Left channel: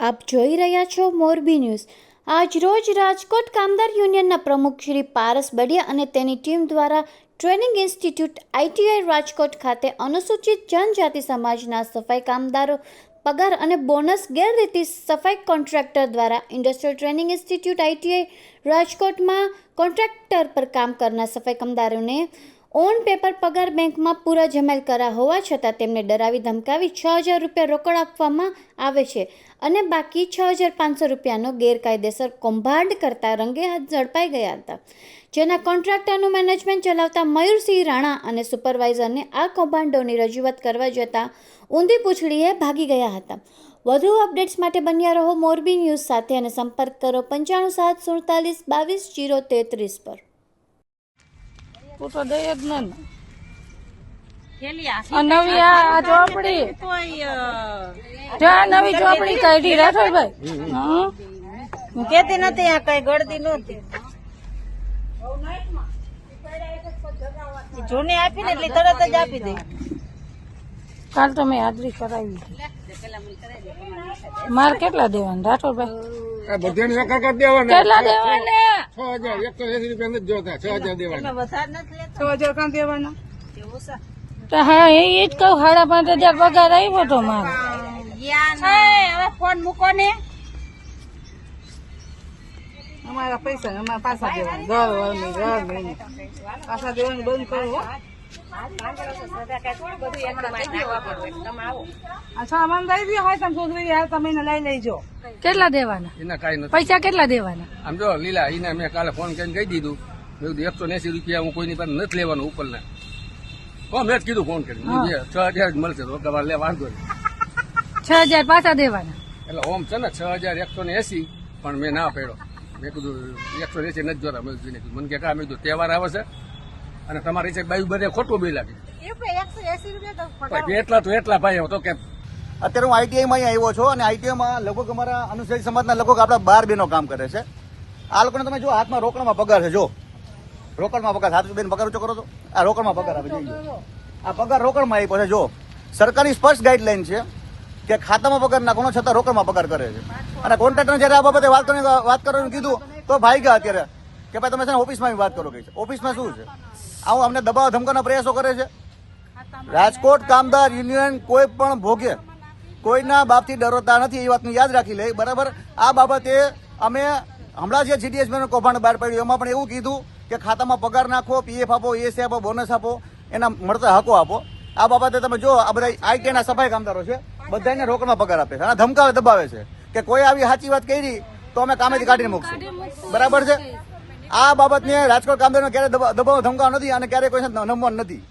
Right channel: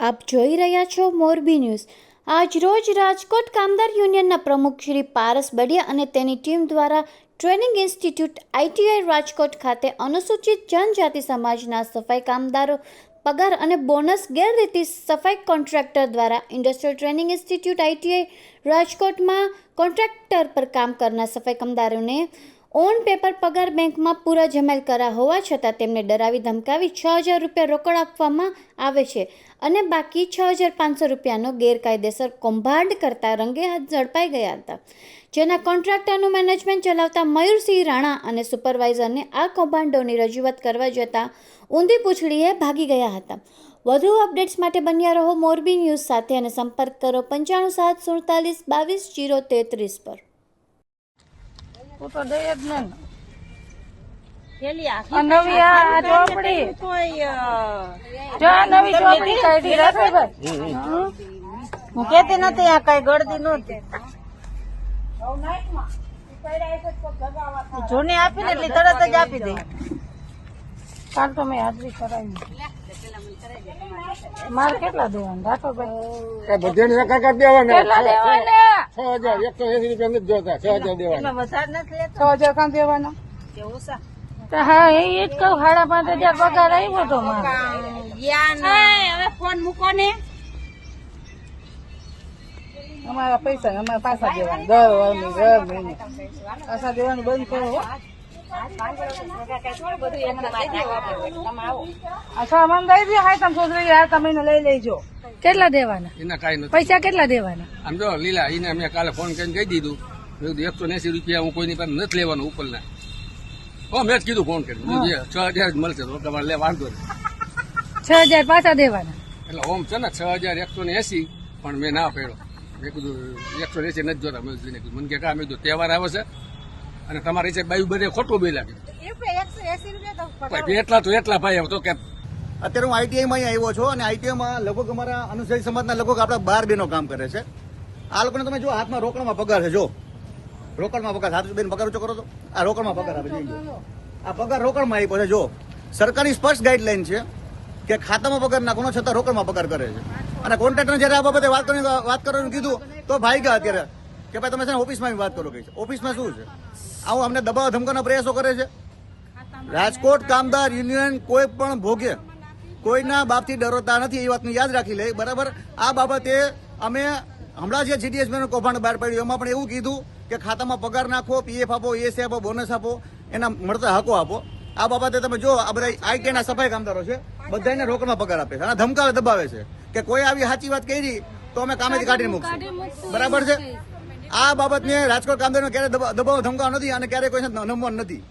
આપ જોઈ રહ્યા છો મોરબી ન્યૂઝ. આજ રોજ રાજકોટ કામદાર યુનિયનના પ્રમુખ શ્રી પારસ બડિયા અને તેની ટીમ દ્વારા ટ્રેનિંગ ઇન્સ્ટિટ્યૂટ આઈટીઆઈ રાજકોટ ખાતે અનુસૂચિત જનજાતિ સમાજના સફાઈ કામદારો પગાર અને બોનસ ગેરરીતિ સફાઈ કોન્ટ્રાક્ટર દ્વારા ઇન્ડસ્ટ્રીયલ ટ્રેનિંગ ઇન્સ્ટિટ્યૂટ આઈટીઆઈ રાજકોટમાં કોન્ટ્રાક્ટર પર કામ કરનાર સફાઈ કામદારોને ઓન પેપર પગાર બેંકમાં પૂરા જમેલ કરા હોવા છતાં તેમને ડરાવી ધમકાવી છ હજાર રૂપિયા રોકડ આપવામાં આવે છે અને બાકી છ હજાર પાંચસો રૂપિયાનો ગેરકાયદેસર કૌભાંડ કરતા રંગે હાથ ઝડપાઈ ગયા હતા. જેના કોન્ટ્રાક્ટરનું મેનેજમેન્ટ ચલાવતા મયુરસિંહ રાણા અને સુપરવાઇઝરને આ કૌભાંડોની રજૂઆત કરવા જતાં ઊંધી પૂંછડીએ ભાગી ગયા હતા. વધુ અપડેટ્સ માટે બન્યા રહો મોરબી ન્યૂઝ સાથે અને સંપર્ક કરો પંચાણું સાત સુડતાલીસ બાવીસ જીરો તેત્રીસ પર. તું તો દે જ ને. થેલી આ આ નવી આ આ ચોપડી કોઈ, અ, જ્યાં નવી ચોપડી કાઢી રાઠોડભાઈ હું કેતી નથી આ કઈ ગળદી નહોતી જૂની આપી ને એટલે તરત જ આપી દે. કાલ તો મેં હાજરી કરાવી. મારે કેટલા દેવાના? રાઠોડભાઈ. કેટલા દેવાના? છ હજાર એકસો એસી રૂપિયા નથી જોતા છ હજાર દેવાના. વધારે નથી લેતો? છ હજાર કાં દેવાના? હા એ જ કહું સાડા પાંચ હજાર પગાર આવ્યો તો મારો. હવે ફોન મૂકો ને. અમારા પૈસા અમારે પાછા દેવાના. દર મહિને દર મહિને. પાછા દેવાનું બંધ કરો કેટલા દેવાના? એના કાંઈ નથી. પૈસા કેટલા દેવાના? આમ જો લીલા એને મેં કાલે ફોન કરીને કહી દીધું. મેં કીધું એકસો એસી રૂપિયા હું કોઈની પાસે નથી લેવાનું ઉપરના. હો મેં જ કીધું ફોન કરીને. છ હજાર જ મળશે તમારે લે વાંધો નહીં. છ હજાર પાછા દેવાના? એટલે ઓમ છે ને છ હજાર એકસો ને એસી પણ મેં ના પહેરો. મેં કીધું એકસો ને એસી નથી જોતા. મેં કીધું કીધું મને કે કા? મેં કીધું તહેવાર આવે છે. અને તમારી છે બાયું બધે ખોટું બી લાગે એકસો એસી રૂપિયા તો એટલા તો એટલા ભાઈ તો કે અત્યારે હું આઈટીઆઈમાં અહીંયા આવ્યો છું અને આઈટીઆઈમાં લગભગ અમારા અનુસૂચિત સમાજના લગભગ આપણા બાર બેનો કામ કરે છે. આ લોકોને તમે જો હાથમાં રોકડમાં પગાર છે જો. રોકડમાં પગાર હાથ બેન પગાર ઊંચો કરો તો. આ રોકડમાં પગાર આપી દે આ પગાર રોકડમાં આપ્યો છે જો. સરકારની સ્પષ્ટ ગાઈડલાઈન છે કે ખાતામાં પગાર નાખવાનો છતાં રોકડમાં પગાર કરે છે. અને કોન્ટ્રાક્ટરને જયારે આ બાબતે વાત કરવાની વાત કરવાનું કીધું તો ભાઈ ગયા અત્યારે કે ભાઈ તમે છે ને ઓફિસમાં વાત કરો કે ઓફિસમાં શું છે? આવું અમને દબાવ ધમકાના પ્રયાસો કરે છે. રાજકોટ કામદાર યુનિયન કોઈ પણ ભોગે, કોઈના બાપથી ડરોતા નથી, એ વાતની યાદ રાખી લે. બરાબર? આ બાબતે અમે હમણાં જે જીડીએસ કૌભાંડ બહાર પાડ્યું, એમાં પણ એવું કીધું કે ખાતામાં પગાર નાખો પીએફ આપો એસી આપો બોનસ આપો, એના મળતા હકો આપો. આ બાબતે તમે જો, આ બધા આઈટીના સફાઈ કામદારો છે, બધાને રોકડમાં પગાર આપે છે અને ધમકાવે, દબાવે છે કે કોઈ આવી સાચી વાત કરી, તો અમે કામેથી કાઢીને મૂકશું. બરાબર છે? આ બાબતને રાજકોટ કામદારોને ક્યારે દબાવ ધમકાવ નથી અને ક્યારે કોઈ નમવાનું નથી